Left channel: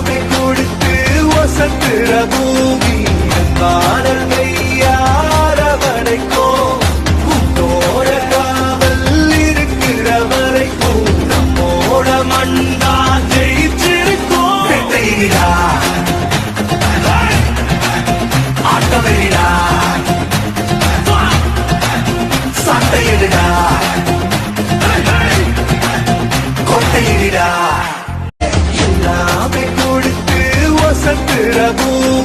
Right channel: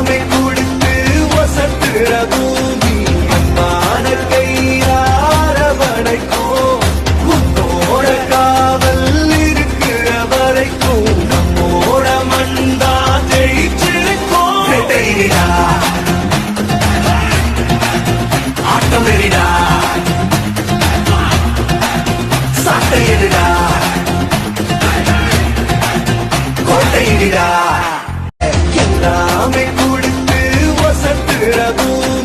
எல்லாமே கொடுத்து ஒசத்துற பூமி பாடல் கையாரவணைக்கோ உன்னோட காவல் இருக்கிற வரைக்கும் நம்மோட மண்ணா ஜெயிச்சிருக்கோம். ஆட்டமேடா சட்டையடா கோட்டையடா எல்லாமே கொடுத்து ஒசத்துற பூமி